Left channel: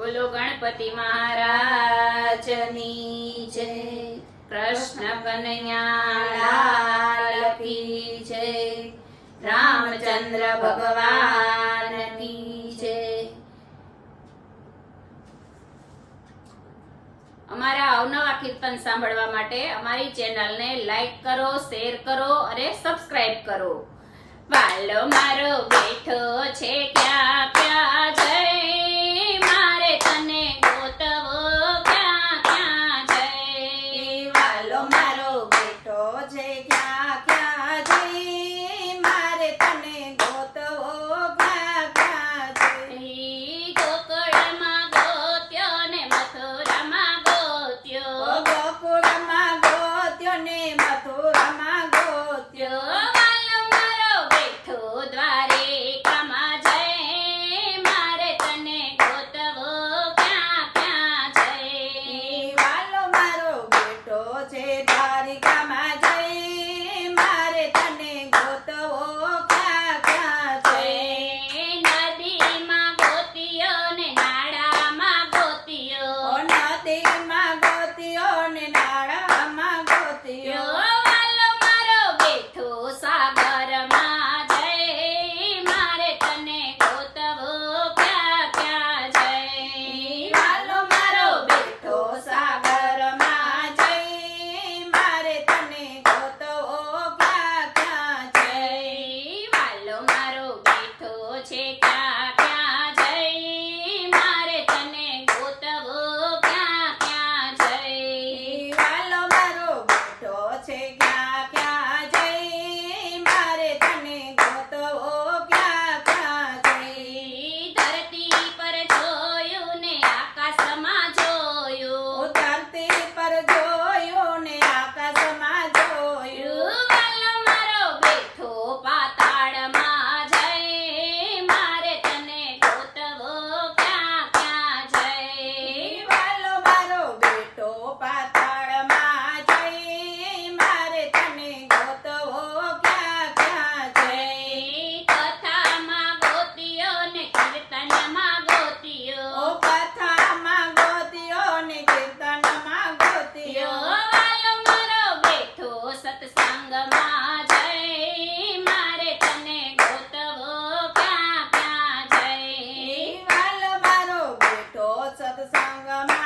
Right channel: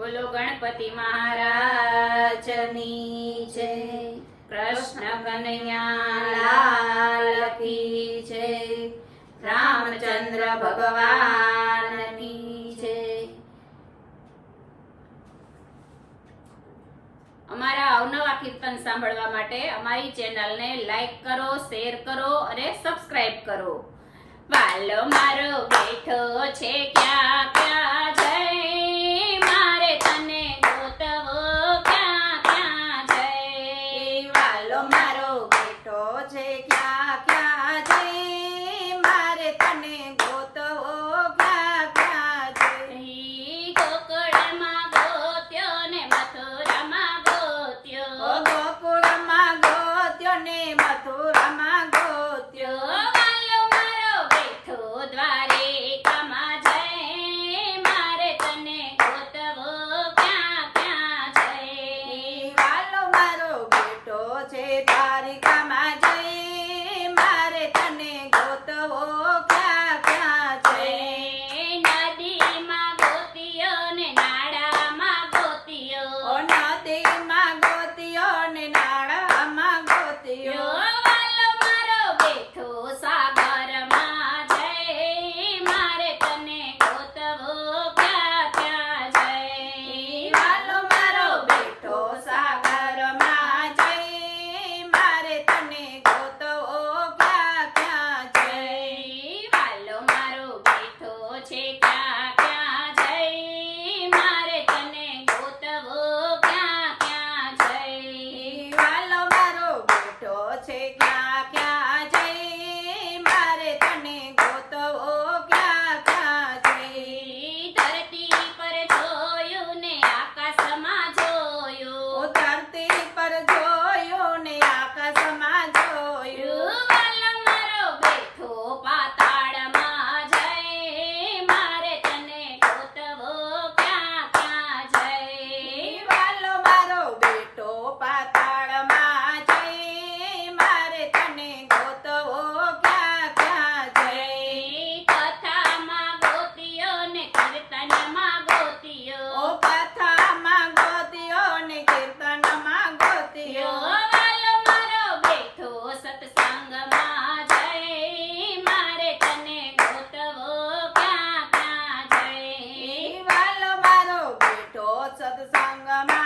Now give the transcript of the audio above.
બોલો ગણપતિ મહારાજની જય, કૃષ્ણ કનૈયા લાલ કી જય, રામચંદ્ર ભગવાનની જય। અમારા અવનવા કીર્તન સાંભળવા માટે અમારી ચેનલને લાઈક કરો, શેર કરો અને સબસ્ક્રાઇબ કરો। વાલો મારો બેઠો છે ક્યાં ક્યાં જય, મારે તને ગોતવો ક્યાં ક્યાં જય। વાલો મારો બેઠો છે ક્યાં ક્યાં જય, મારે તને ગોતવો ક્યાં ક્યાં જય। ગોકુળમાં ગોત્યો ને મથુરામાં ગોત્યો, ગોકુળમાં ગોત્યો ને મથુરામાં ગોત્યો। વાલો મારો બેઠો દ્વારિકામાં જય, મારે તને ગોતવો ક્યાં ક્યાં જય। વાલો મારો બેઠો છે દ્વારિકામાં જય, મારે તને ગોતવો ક્યાં ક્યાં જય। નદીમાં ગોત્યો ને નાળામાં ગોત્યો, નદીમાં ગોત્યો ને નાળામાં ગોત્યો। વાલો મારો બેઠો સાગરમાં જય, મારે તને ગોતવો ક્યાં ક્યાં જય। વાલો મારો બેઠો સાગરમાં જય, મારે તને ગોતવો ક્યાં ક્યાં જય। વાલો મારો બેઠો છે ક્યાં ક્યાં જય, મારે તને ગોતવો ક્યાં ક્યાં જય। વાલો મારો બેઠો છે ક્યાં ક્યાં જય, મારે તને ગોતવો ક્યાં ક્યાં જય। ધરતી પર જોયું ને આકાશમાં જોયું, ધરતી પર જોયું ને આકાશમાં જોયું। વાલો મારો બેઠો પાતાળમાં જય, મારે તને ગોતવો ક્યાં ક્યાં જય। વાલો મારો બેઠો પાતાળમાં જય, મારે તને ગોતવો ક્યાં ક્યાં જય। કથામાં ગોત્યો ને કીર્તનમાં ગોત્યો, કથામાં ગોત્યો ને કીર્તનમાં ગોત્યો। વાલો મારો બેઠો સત્સંગમાં જય, મારે તને ગોતવો ક્યાં ક્યાં જય। વાલો મારો બેઠો સત્સંગમાં